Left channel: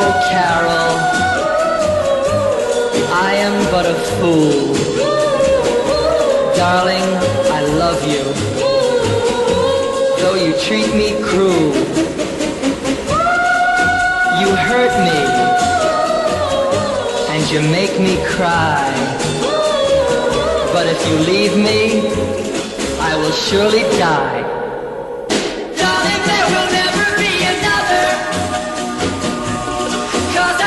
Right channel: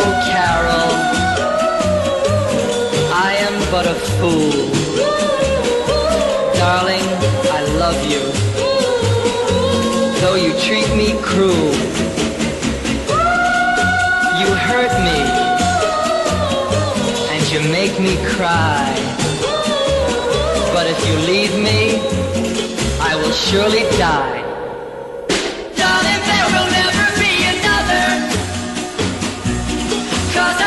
Oh, Carol, I am but a fool. Darling, I love you, though you treat me cruel. You hurt me, and you make me cry. But if you leave me, I will surely die. Darling, there will never be another, 'cause